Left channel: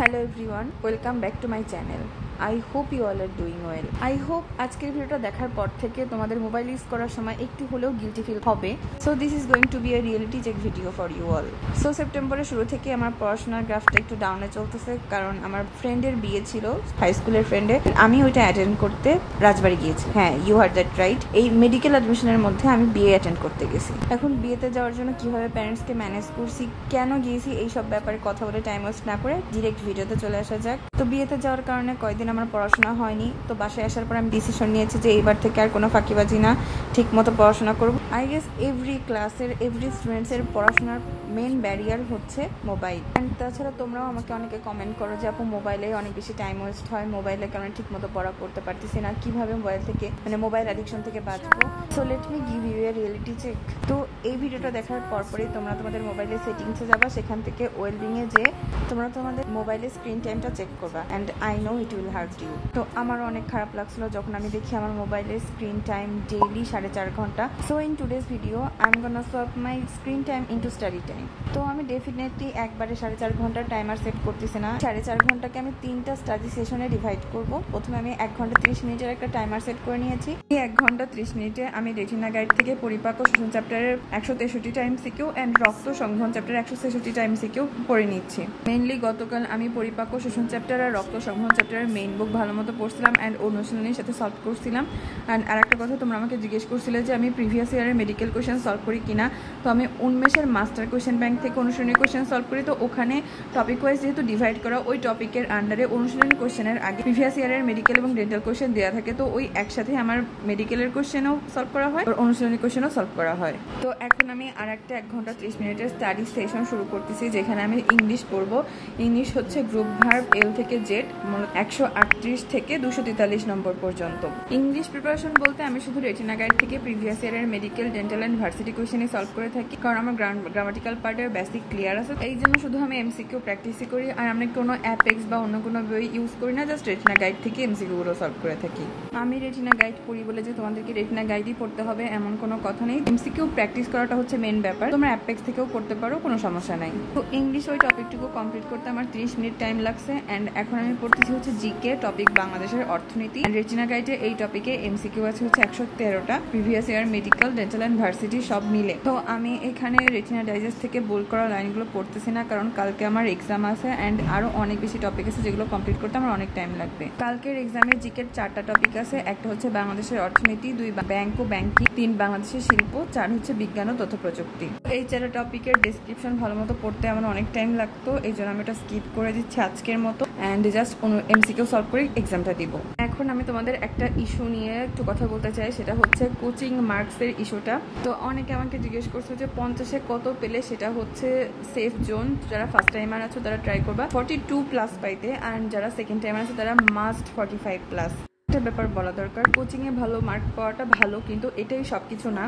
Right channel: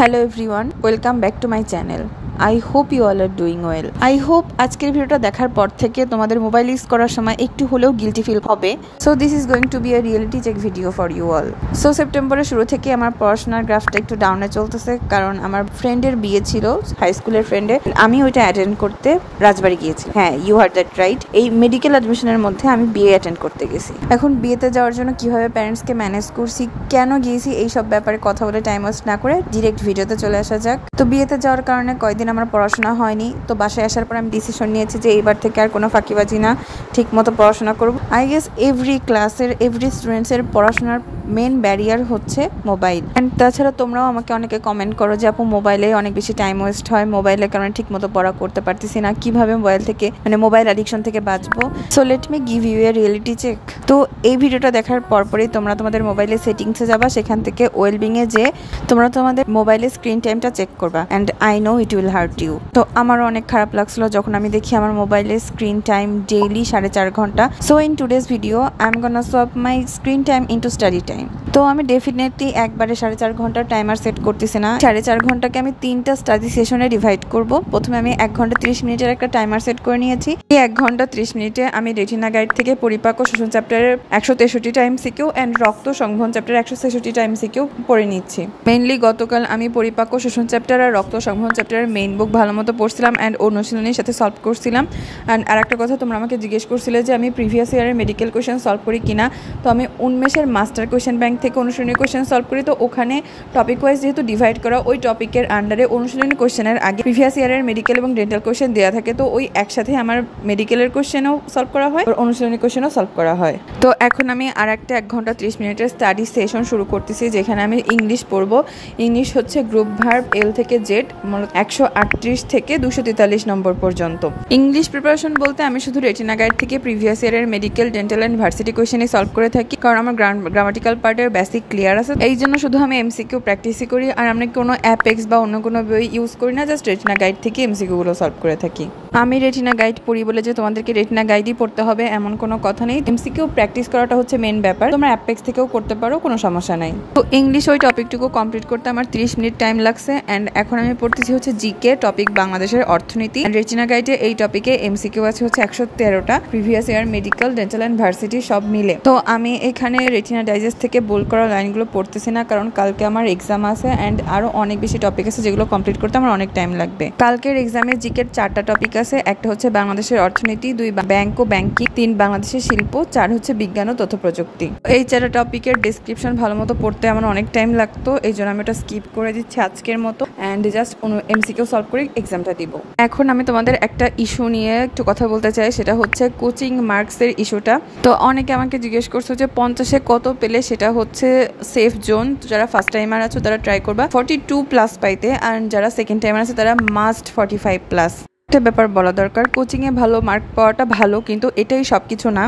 Hello everyone, welcome back to my channel. I hope you all are doing well. I hope আজকের ভিডিওটা দেখার পর থেকে তোমাদের মোবাইল ইউজ করার সময় একটু হলেও গিলটি ফিল হবে। So this is going to be a reality check video for you all. So সেপ্টেম্বরের শুরু থেকে আমার পড়াশোনার গ্রাফটা একটু ডাউনে চলতেছে, কারণ আমার ফ্রেন্ডের বিয়ে ছিল, হাই স্কুলের ফ্রেন্ডের। আমি ওইটা অ্যাটেন্ড করতে রাজবাড়ি গিয়েছি। হ্যাঁ, ইউ হার্ড দ্যাট রাইট। এই মেডিকেল অ্যাডমিশনের মধ্যে আমি বিয়ে অ্যাটেন্ড করতে গেছি। এখন বিয়েতে যাওয়ার জন্য কিভাবে প্যারেন্টসকে ম্যানেজ করছি, কেন গিয়েছি, এইসব ব্যাপারে কথা বলে টাইম ওয়েস্ট না করে ডিরেক্ট ভিডিওতে চলে আসা যাক। তো বিয়েতে যাওয়ার কারণে কয়েকদিন আমার পড়াশোনা হয়নি। তো বাসায় আসার পর আমি ডিসিশন নিয়েছি যে এইবার থেকে আর কোনো ফাঁকিবাজি না, ঠিক মতো পড়াশোনা করব। আই গেস এভরি ক্লাসের এভরি স্টুডেন্টসের পড়াশোনার মেন ব্যারিয়ার হচ্ছে মোবাইল। অ্যান্ড তাছাড়া তোমরাও আমাকে অনেকে কমেন্ট করো যে আপু মোবাইলে অনেক বেশি টাইম ওয়েস্ট হয়, মোবাইলের কারণে ঠিক মতো পড়া করতে পারতেছি না, কিভাবে মোবাইল থেকে মোবাইল অ্যাডিকশন থেকে বাঁচবো। So let me give you a reality check. তো এই ভিডিওটা দেখার পরপরই তোমরা তোমাদের মোবাইলের সেটিংসে যাবা, সেখান থেকে ওয়েলবিংয়ে যে তোমরা তোমাদের মোবাইলের স্ক্রিন টাইমটা চেক করবা। And I know it will hurt you. তো আমারও অনেক খারাপ লাগছিল যখন আমি দেখি আমার মোবাইলের স্ক্রিন টাইম ডেইলি 4.5 ঘন্টা। So in today's video I am gonna swap my screen time into study time. তো আমি ডেফিনেটলি একবারে 4.5 ঘন্টার টাইমার সেট করতেছি না। 4.5 ঘন্টাকে আমি 3টা স্টাডি সেশনে ডিভাইড করব। প্রথমে আমি 1 ঘন্টা 30 মিনিটের একটা টাইমার সেট করে নিয়েছি। এই 1 ঘন্টা 30 মিনিটে আমি রেটিনা গাইড থেকে পরিপাক ও শোষণ চ্যাপ্টারের 163টা এমসিকিউ অ্যান্ড রক্ত সংবহন চ্যাপ্টারের 166টা এমসিকিউ পড়ে নিচ্ছি। মেইনলি গতকাল আমি পরিপাক ও শোষণ চ্যাপ্টার আর রক্ত সংবহন চ্যাপ্টারের মেইন বুক ভালো মতো পড়ছিলাম অ্যান্ড অনুশীলনীর সাথে সলভ করছিলাম। অ্যান্ড আরেকটা কথা, তোমরা আমাকে জিজ্ঞেস করছিলে যে আমি প্রিভিয়াস ইয়ারের মেডিকেল কোয়েশ্চেন সলভ করি কিনা। তো আমি উন্মেষের মাস্টার কোয়েশ্চেন ব্যাংক থেকে অনুশীলনী কোয়েশ্চেন সলভ করি। তো ওখানে টপিক ওয়াইজ যেহেতু ডিভাইড করা, ওই টপিকের আন্ডারে অনুশীলনী কোয়েশ্চেনের আগে প্রিভিয়াস ইয়ারের মেডিকেল এবং ডেন্টাল কোয়েশ্চেন দেওয়া থাকে। তো ওই একসাথে আমার মেডিকেলের কোয়েশ্চেনও সলভ করা হয়, অনুশীলনী কোয়েশ্চেনও সলভ করা হয়। তো এখন আমি আর একটা 1 ঘন্টা 30 মিনিটের স্টাডি সেশন শুরু করতেছি, যেখানে আমি ইংলিশ পড়বো। ইংলিশ হচ্ছে গ্রুপ ভার্ব এল থেকে জেড, 138 থেকে 243 নম্বর পর্যন্ত। ইংলিশ প্রিপারেশন বলতে আমি শুধু রেটিনা গাইড থেকে প্রিভিয়াস ইয়ারের মেডিকেল, ডেন্টাল অ্যান্ড ভার্সিটি কোয়েশ্চেনই সলভ করে থাকি, কারণ আমার গ্রামাটিক্যাল পার্টের বেসিক ক্লিয়ার আছে। এই জন্য শুধু আমি এমসিকিউ প্র্যাকটিসই করি, আর আমরা কোনো অ্যাপেক্স বা অন্য কোনো বই ইউজ করি না, জাস্ট রেটিনা গাইড থেকে এমসিকিউগুলো সলভ করে থাকি। আমি রেটিনা গাইড পড়ি বলে যে তোমাদেরকে রেটিনা গাইডই পড়তে হবে এমন কোনো কথা নেই। এমসিকিউ প্র্যাকটিস করাটা হচ্ছে মেন ব্যাপার। তোমরা অ্যাপেক্স থেকেও করতে পারো, কোনো সমস্যা নাই। তো ইংলিশ ওই টপিকটুকু কমপ্লিট করতে আমার 30 মিনিট টাইম লাগছে। অ্যান্ড এখন আমি পড়তেছি হচ্ছে জিকে টপিক বাংলাদেশের অর্থনীতি। রেটিনা গাইডে এই টপিকে এমসিকিউ আছে হচ্ছে 113টা, previous year medical, dental and varsity সব মিলে। তো আমি এখানে রেটিনা ডাইজেস্ট থেকে বোল্ড করা লাইনগুলো পড়তেছি না, কারণ কালকে আমার এক্সাম আছে অ্যান্ড আরও অনেক বেশি টপিক আছে যেগুলো কমপ্লিট করতে আমার অনেক টাইম লাগবে। কালকের এক্সামে জিকের 4টা টপিক আছে। একটা হচ্ছে বাংলাদেশের অর্থনীতি, 2 ব্যাংক ও ব্যাংকিং, 3 বাংলাদেশের শিল্প, 4 হচ্ছে বিজ্ঞান ও তথ্য প্রযুক্তি। এই 4টা টপিকের ডেসক্রিপশন ভালো মতো পড়তে আমার অনেক টাইম লাগতো, এই জন্য আমি এটা স্কিপ করে দিচ্ছি আজকের মতো অ্যান্ড জাস্ট এমসিকিউ সলভ করে এক্সামটা দিব। এখন আমি তোমাদের একটা ইস্যু নিয়ে একটু কথা বলতে চাই, সেটা হচ্ছে কোচিং মার্কসের ইস্যুটা। তো অনেকে আমাকে জিজ্ঞেস করছো যে 50-এ কত পেলে সেটা হচ্ছে সেফ জোন। যারা ফার্স্ট টাইমার আছো তারা ট্রাই করবা 42+ পাইতে, আর যারা সেকেন্ড টাইমার আছে তারা মাস্ট 45+। একটা ব্যাপার বলা দরকার, কোচিংয়ে ভালো মার্ক পাওয়াটা ভালো, কিন্তু এটাই সব কিছু না।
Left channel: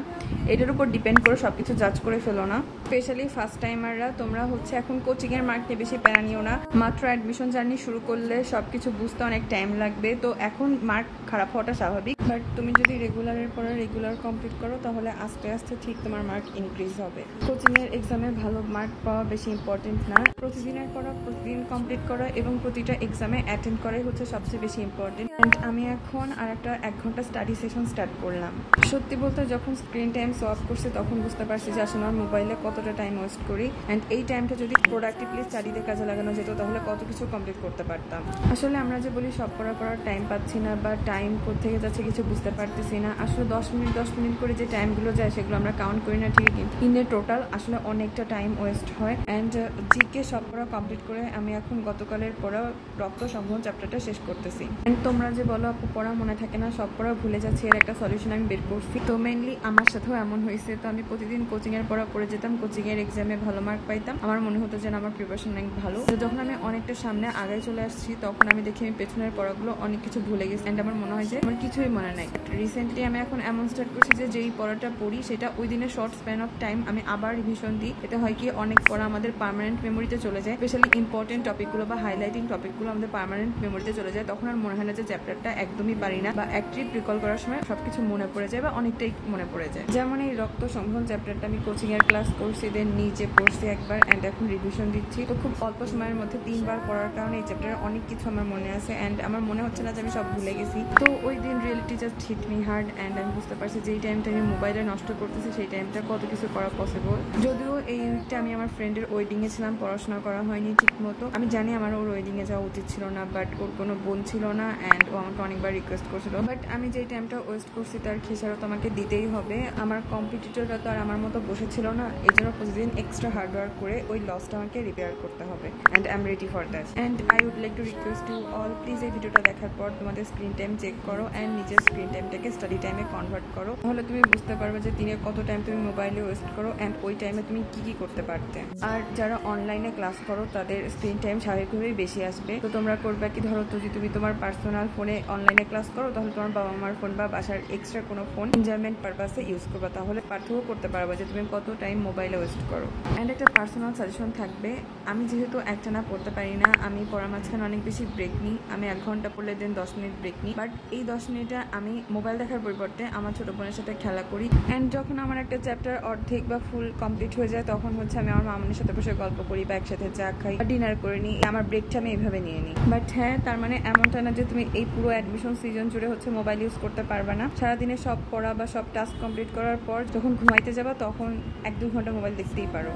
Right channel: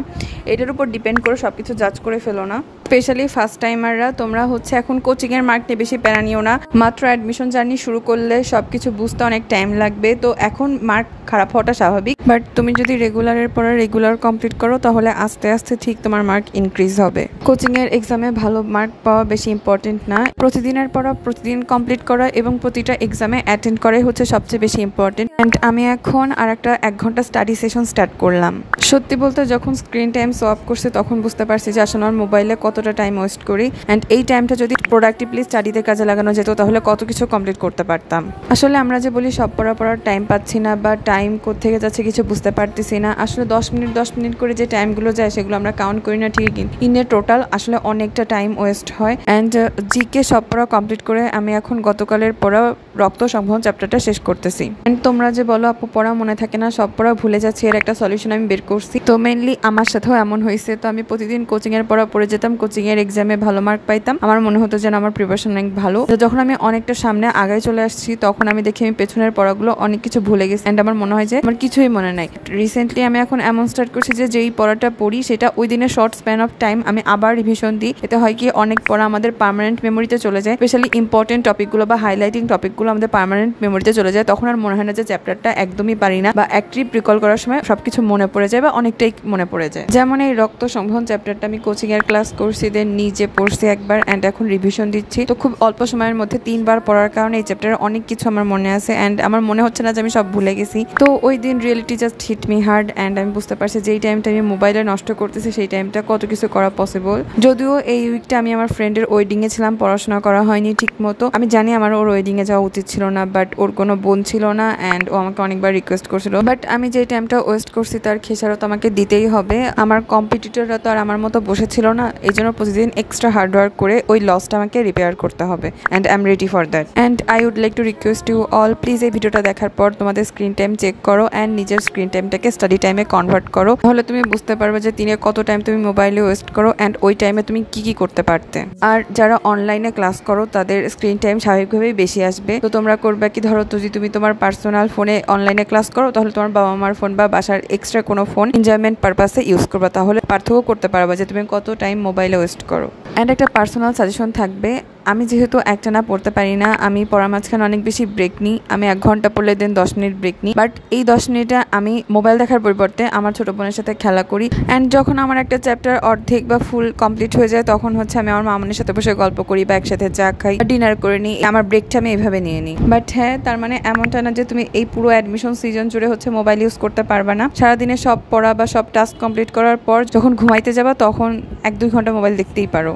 এটার উপর ডিপেন্ড করে সব কিছু জাজ করে ফেলো না। স্পেশালি ফার্স্ট টাইমাররা তোমরা হচ্ছে এখন কোচিংয়ের মার্ক নিয়ে বেশি প্যারা নিও না। মাত্র অ্যাডমিশন জার্নি শুরু করলে সব কিছু বুঝতে অনেক টাইম লাগবে। তো এখন মার্ক খারাপ হওয়াটা স্বাভাবিক, বাট তুমি যদি রেগুলারের পরে রেগুলার কমপ্লিট করো তাহলে আস্তে আস্তে ঠিক তোমার মার্ক ইনক্রিজ হবে। কোচিংয়ের এক্সামে ভালো মার্ক পাওয়া বেশি ইম্পর্টেন্ট না, প্রতিদিনের পড়া প্রতিদিন কমপ্লিট করা এবং প্রতিটা এক্সামে অ্যাটেন্ড করাই হচ্ছে সবচেয়ে বেশি ইম্পর্টেন্ট। অ্যান্ড আমি এখন আর একটা 1 ঘন্টা স্টাডি সেশন স্টার্ট করলাম। সত্যি বলতে যখন স্ক্রিন টাইম সোয়াপ করছে তখন বুঝতে পারছি যে আসলে আমার মোবাইলে কতটা টাইম ওয়েস্ট করি। অ্যান্ড এই টাইমটা যদি প্রোডাক্টিভলি স্টাডিতে কাজে লাগানো যেত তাহলে কত কিছু কমপ্লিট করতে পারতাম। আসলে আমরা যে বলি সব পড়ার টাইম পাচ্ছি না বা টাইম কোত্থেকে যাচ্ছে কিছু বুঝতে পারতেছি না, আসলে 10 মিনিট করে যে টাইমগুলো যায় সেগুলো আমরা কাউন্ট করি না ঠিকই, ইনে টোটাল আসলে অনেকটা টাইম ওয়েস্ট হয়। অ্যান্ড জিকে সব পড়া কমপ্লিট করে আমি এখন গতকালের পড়া রক্ত সংবহন চ্যাপ্টারটা শেষ করতেছি। অ্যান্ড তোমরা যে বলো আপু পড়া মনে থাকে না, সব পড়া ভুলে যাচ্ছি, এর একটা সলিউশন আমি বের করছি। তো মেইনলি আমার সাথেও এমন হয়েছে। তো আমি প্রতিদিন কোচিংয়ের পড়া পড়ে যেতাম, কোচিংয়ের এক্সামে ভালো মার্ক পাইতাম, আমার মনে হতো যেন আমার প্রিপারেশন অনেক ভালো। তো যখন আমি অনেকটা সামনে আগায় চলে আসছি তখন আমি দেখি আমি পেছনের পড়াগুলো অনেক কিছু ভুলে গেছি অ্যান্ড আমার মনে হয় যে আমার কিছুই মনে নাই। রিসেন্টলি আমি এখন এমন স্টার্ট করছি যে যেই পড়াটা পড়ি সেটা ওই দিনের শর্ট স্প্যান অফ টাইম আমি আবার রিভিশন দিই। এতে হয় কি অনেক পড়া আমাদের পার্মানেন্ট মেমোরিতে চলে যায়, স্পেশালি ইম্পর্টেন্ট টপিকগুলো বা হাইলাইটিং টপিকগুলো আমাদের পার্মানেন্ট মেমোরিতে চলে যায়। তখন আর মনে হয় না যে চ্যাপ্টারটা একদমই পারি না, বা এক ট্রিপ রিকল করার সময় সবকিছু মনে পড়ে যায় বা অনেকটাই মনে পড়ে যায়। যেমন এই রক্ত সংবহন চ্যাপ্টারটা আমি কোচিং এর ক্লাস করছি, দেন নিজে পড়ছি একবার অ্যান্ড এখন রিভিশন দিচ্ছি। তো খুব অল্প সময়ের মধ্যে 3 বার পড়ার কারণে এই চ্যাপ্টারে অনেক কিছু আমার মনে আছে অ্যান্ড আমার মনে হচ্ছে না যে আমি সব ভুলে গেছি। তো ওই দিন reality just hit me hard and আমি বুঝতে পারছি যেই টাইমটা আমি মোবাইলে নষ্ট করতেছি সেই টাইমটা কত কিছু করা পসিবল। যদিও এই উইকটা আমি আমার ফ্রেন্ডের ওয়েডিংয়ে ছিলাম, পড়াশোনা করা হয়নি ঠিক মতো। আমি জানি আমার ওর ওয়েডিংয়ে যাওয়া উচিত ছিল না, বাট ওর কোনো বোন ছিল না অ্যান্ড ও আমাকে অনেকবার রিকোয়েস্ট করছিল, বাট আমি যে টাইমটা ওয়েস্ট করছি তার খেসারত আমাকে দিতেই হবে। আমার কম্পিটিটররা তো আর আমার মতো বসেছিল না, এই জন্য প্রতিদিন এক্সট্রা হার্ডওয়ার্ক করে ওই লসটা আমাকে রিপেয়ার করতে হবে and I am ready for that. And I would like to request you all, please এই ভিডিওটা দেখার পর তোমাদের স্ক্রিন টাইম চেক করো অ্যান্ড নিজের স্ক্রিন টাইমটাকে স্টাডি টাইমে কনভার্ট করো। তাহলে তুমি বুঝতে পারবে যে দিনে কত টাইম তুমি মোবাইলে ওয়েস্ট করো অ্যান্ড ওই টাইমে তুমি কি কি করতে পারতে। আর যারা অনলাইনে ক্লাস করো তাদের স্ক্রিন টাইম স্বাভাবিকভাবেই বেশি আসবে। তো তোমরা করবে কি, ধরো যদি তুমি তোমার পার্সোনাল ফোনে অনলাইনে ক্লাস করো তাহলে তোমার বাবা মার ফোন বা বাসার এক্সট্রা কোনো ফোন এনজয়মেন্ট পারপাসে ইউজ করবা, তাহলে পার্থক্য করতে পারবা যে তুমি কত টাইম মোবাইলে ওয়েস্ট করো। অ্যান্ড একটা পার্সোনাল সাজেশন থাকবে, আমি যেহেতু একটানা পড়তে পারি না, আমি পড়ার মাঝখানে অনেক বেশি ব্রেক নিই। আমি 1 ঘন্টা পড়লে দেন 10 মিনিট ব্রেক নিই, বাট এই 10 মিনিটে আমি মোবাইল দেখার পরিবর্তে আমার ছোটো বোনের সাথে খেলা করি। অ্যান্ড যখন আমার একটা চ্যাপ্টার অর্ধেক বা ফুল কমপ্লিট হয়ে যায় তখন হচ্ছে আমি আমার মামুনের সাথে বসে গল্প করি বা একসাথে চা খাই, ডিনার করে নিই। আমার ব্রেকটা আমি এইভাবে নিয়ে নিই। বাট হ্যাঁ, তার মানে এমনটা না যে তুমি এই পুরো অ্যাডমিশন সিজন জুড়ে হচ্ছে মোবাইল ইউজ করতে পারবে না। সারাদিনে সব পড়া বা সব টাস্ক কমপ্লিট করার পর যখন ঘুমাইতে যাবা তখন 1-2 ঘন্টা মোবাইল দেখতেই পারো।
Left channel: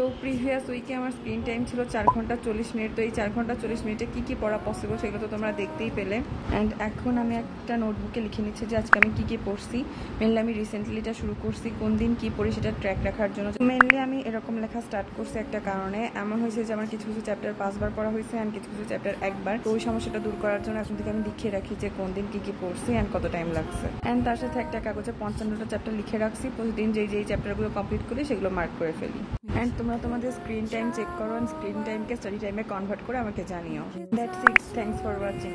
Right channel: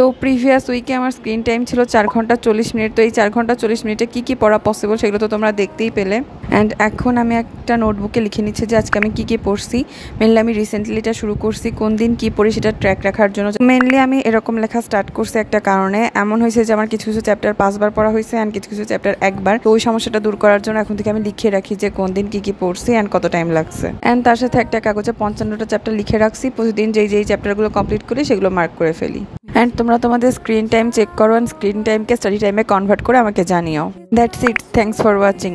তো প্রিভিয়াস উইকে আমার স্ক্রিন টাইম ছিল 4 ঘন্টা 40 মিনিট। তো এই 4 ঘন্টা 40 মিনিটে কী কী পড়া পসিবল সেগুলো তো তোমরা দেখতেই পেলে। অ্যান্ড এখন আমি একটা নোটবুকে লিখে নিচ্ছি যে আজকে আমি কী কী পড়ছি। মেনলি আমি রিসেন্টলি এটা শুরু করছি কোন দিন কী পড়ি সেটা ট্র্যাক রাখার জন্য। মেনলি আমি এরকম লেখা স্টার্ট করছি একটা কারণে, এমন হয়েছে যে আমার কিছু কিছু চ্যাপ্টার 5 বার পড়া হয়েছে অ্যান্ড কিছু কিছু চ্যাপ্টার 1 বার। তো ওই সমস্যাটা দূর করার জন্য এখন থেকে আমি লিখে রাখি যে কোন দিন কী কী পড়ছি অ্যান্ড কত টাইম লাগছে। অ্যান্ড তার সাথে একটা কাগজে 55টা চ্যাপ্টার লিখে রাখছি, প্রতিদিন যেই চ্যাপ্টারগুলো কমপ্লিট করি সেগুলো মার্ক করে ফেলি। অ্যান্ড তোমরা তোমাদের স্ক্রিন টাইম চেক করো অ্যান্ড স্ক্রিন টাইমকে স্টাডি টাইমে কনভার্ট করে আমাকে জানিও। That's it, thanks for watching.